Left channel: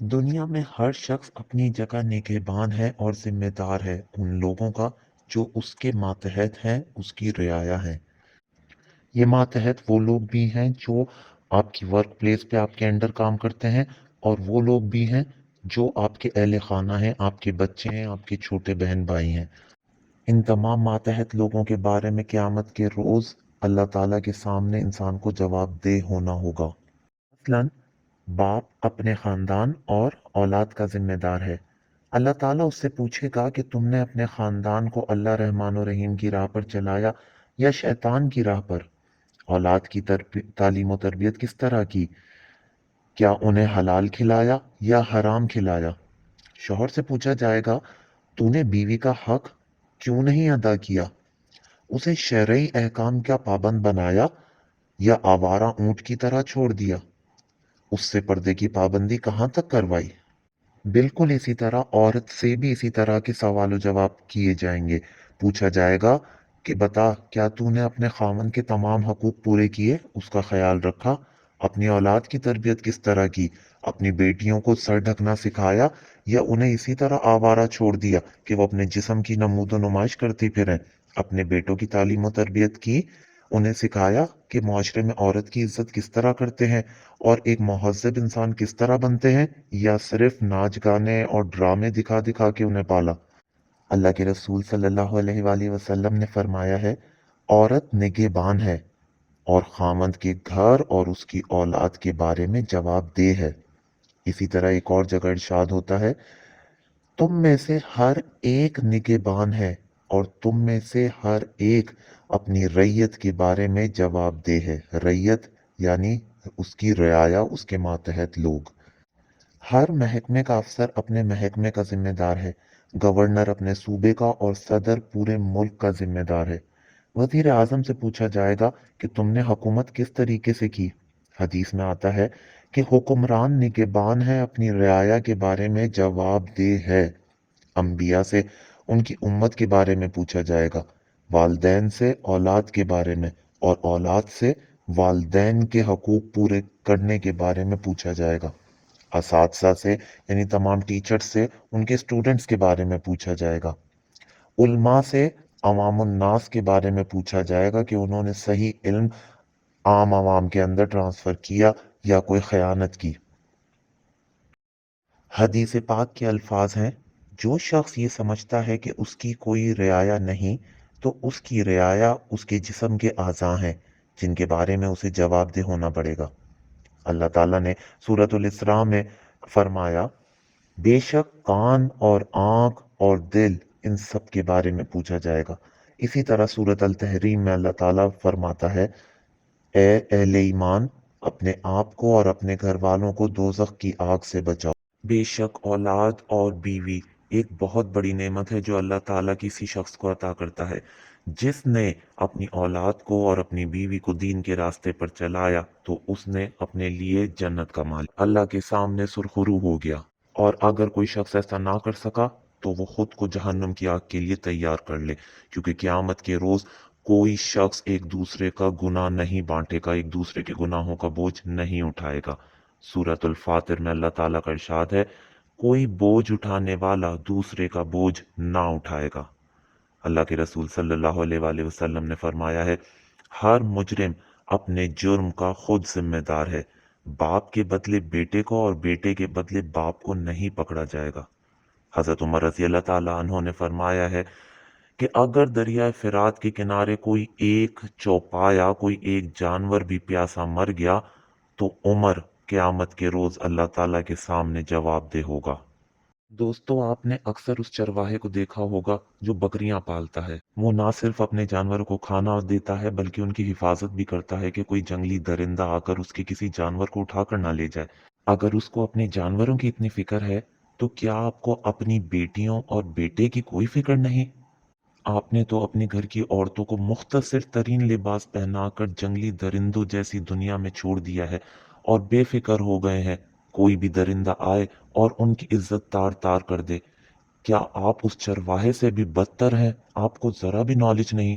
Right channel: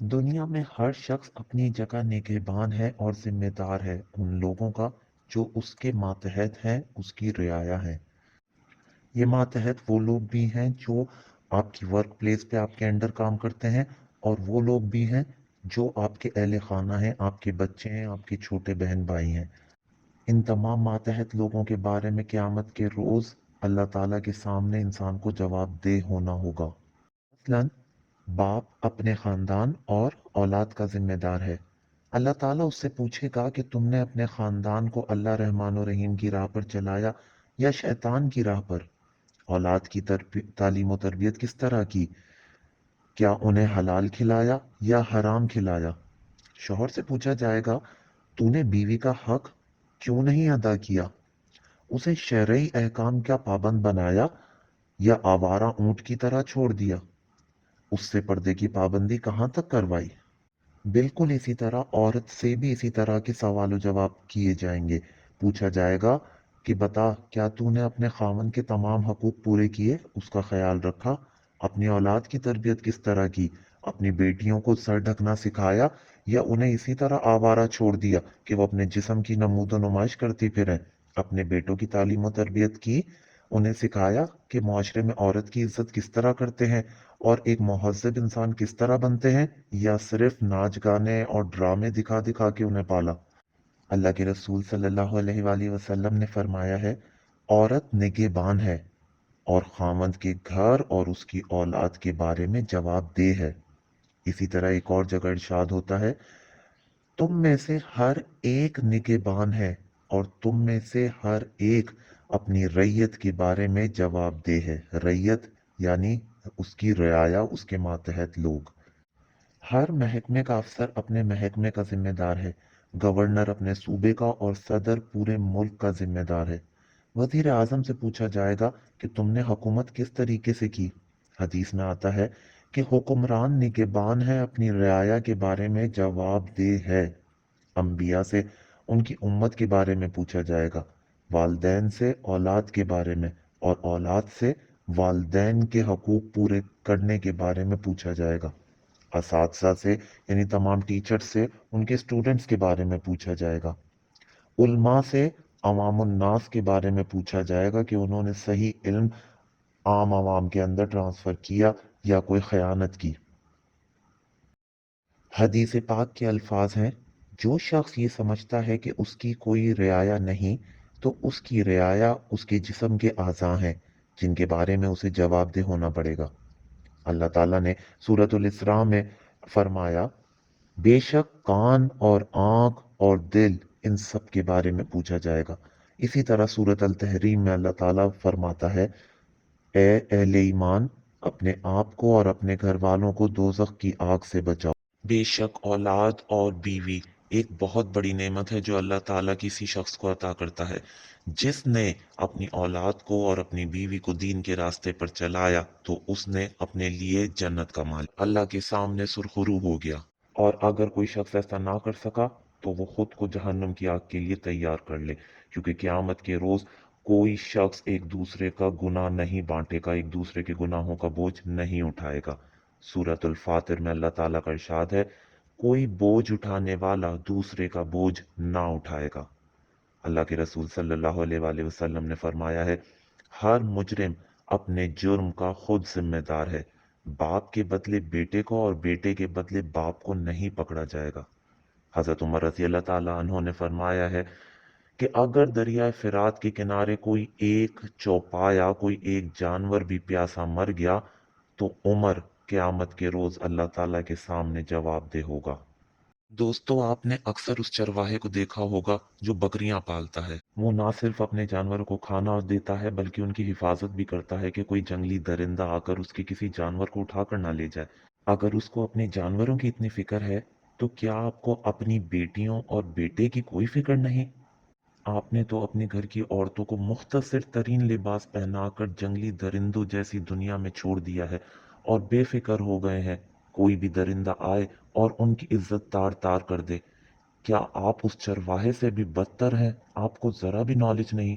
दुनिया में हर शख्स अपनी जगह निगहबान है और जिम्मेदार है उन लोगों का जो उसके मातहत हैं, उसकी रियाया हैं। ये मातहत वो लोग भी हैं जो आपकी वर्क प्लेस पे आपके अंडर काम करते हैं, और वो लोग भी हैं जो आपके अहले खाना हैं, आपके बच्चे हैं, आपके छोटे बहन भाई हैं। इन तमाम मातहत लोगों के बारे में क़यामत के रोज़ अल्लाह ताला के सामने इंसान को जवाबदेह होना होगा। मसलन, बाप अपने खानदान और औलाद का जिम्मेदार है। अल्लाह ताला उससे पूछेगा कि तुमने अपने खानदान को अल्लाह रहमान और रहीम की राह पर चलाया या शैतान की राह पर। औलाद की तालीम और तरबियत किस तरह की, क्या उन्हें हलाल खिलाया या हराम खिलाया। शौहर से पूछा जाएगा, तूने बीवी का हक क्यों नहीं अदा किया, उसे शरई अहकाम का पाबंद बनाया या आवारा ऊंट की तरह छोड़ दिया, उससे पर्दे की पाबंदी कहाँ तक करवाई। बिल्कुल इसी तरह औरत से भी इसी तरह के सवाल जवाब किए जाएंगे। पूछा जाएगा कि बता, क्या तूने अपने खामन के तमाम हकूक पूरे किए, उसका ख्याल रखा, अपनी औलाद की तरबियत किस तरह की, अपनी बेटियों को सर ढकना सिखाया या उन्हें इसी तरह आवारा छोड़ दिया कि वो अपने जिस्म की नमूदो नुमाइश करते फिरें। अपने बेटों की तालीम और तरबियत की, उन्हें सिखाया कि माशरे में औरत की इज्जत किस तरह करते हैं और एक मुहज़्ज़ब इंसान किस तरह बनते हैं, या सिर्फ नाच गाने और ड्रामे दिखा दिखा के उन्हें पाला। अल्लाह के रसूल सल्लल्लाहु अलैहि वसल्लम ने फरमाया है, औरत निगहबान है और खामद के घर और उसकी औलाद के बारे में जवाबदेह है। इसी तरह एक और जगह इरशाद होता है, तुम में से हर एक निगहबान है और तुम में से हर एक अपनी रैयत के बारे में जवाबदेह है। रैयत यानी उसकी रियाया, उसके मातहत लोग। हर महकमे का अफसर अपने महकमे का जिम्मेदार है। गवर्नर अपने सूबे का और सदर पूरे मुल्क का जिम्मेदार है। वजीर आजम से पूछा जाएगा कि तुमने हुकूमत किस तरीके से की। हदीस में आता है कि हुक्मरान निगहबान है, अपनी रियाया के बारे में जवाबदेह है। अंबिया से उनकी उम्मत के बारे में पूछा जाएगा, वालदैन से औलाद के बारे में, और औलाद से वालदैन के हकूक पूरे करने के बारे में पूछा जाएगा। असातिज़ा से यानी तमाम टीचर्स से उनके स्टूडेंट्स के बारे में पूछा जाएगा। उल्मा से अवामुन नास के बारे में पूछा जाएगा कि उन्होंने सही इल्म आम आवाम के अंदर ट्रांसफर किया या कोई खयानत की। हदीस पाक के अल्फाज हैं, जो शख्स ये समझता है कि उसकी कोई रियाया नहीं, तो उसकी रियाया उसके जिस्म के आज़ा हैं जिनके बारे में उसे जवाबदेह होना पड़ेगा। अल्लाह ताला ने सूरतुल इसरा में फरमाया, बेशक कान और आंख और दिल, इन सब के बारे में पूछा जाएगा। इसी तरह सूरत अल तहरीम में अल्लाह ताला फरमाता है, ए अहले ईमान, अपने आप को और अपने घर वालों को दोजख की आग से बचाओ। बेशक औलाद और बीवी एक बहुत बड़ी नेमत है जो अल्लाह ताला किसी शख्स को अता करता है। जिसने अपनी औलाद को और अपनी बीवी को दीन के रास्ते पर चलाया तो उसने अपने लिए जन्नत का माल अल्लाह के सामने सुरखरू हो गया। और अगर कोई शख्स ऐसा ना कर सका तो वो खुद को जहन्नुम की आग के लिए तैयार कर ले, क्योंकि क़यामत के रोज कोई शख्स एक दूसरे का गुनाह नहीं बांटेगा, एक दूसरे के गुनाहों का बोझ नहीं उठाएगा। सूरतुल फातिर में अल्लाह ताला का इरशाद है, कोई बोझ उठाने वाला दूसरे का बोझ ना उठाएगा। अल्लाह के रसूल सल्लल्लाहु अलैहि वसल्लम ने फरमाया है, हर मुजरिम अपने जुर्म का खुद जिम्मेदार है। बाप के बदले बेटे को और बेटे के बदले बाप को नहीं पकड़ा जाएगा। हजरत उमर रजी अल्लाह ताला अन्हो ने फरमाया है कि अगर दरिया फिरात के किनारे कोई एक चौपाया, कोई एक जानवर भी प्यासा मर गया, तो उमर क़यामत के रोज अल्लाह ताला के सामने जवाबदेह होगा। दोस्तों, आपने अक्सर उस चरवाहे को देखा होगा जो बकरियां पालता है। वो ना सिर्फ अपने जानवरों को खाना देता है बल्कि उनकी हिफाजत भी करता है कि कोई जंगली दरिंदा आकर उसके किसी जानवर को उठाकर ना ले जाए। अगर उसको अपने जानवरों की इतनी फिक्र है, तो क्या आपको अपनी बेटियों और बेटे की कोई फिक्र नहीं। आपने तो अपने घर की औरतों को मुख्तसर तरीन लिबास पहनाकर जंगली दरिंदों जैसी दुनिया में छोड़ दिया है और बेफिक्र हो गए हैं कोई भी दरिंदा आए और उनकी इज्जत तार तार कर दे। क्या आप उस चरवाहे से भी बदतर हैं? आपको जरा भी नॉलेज नहीं।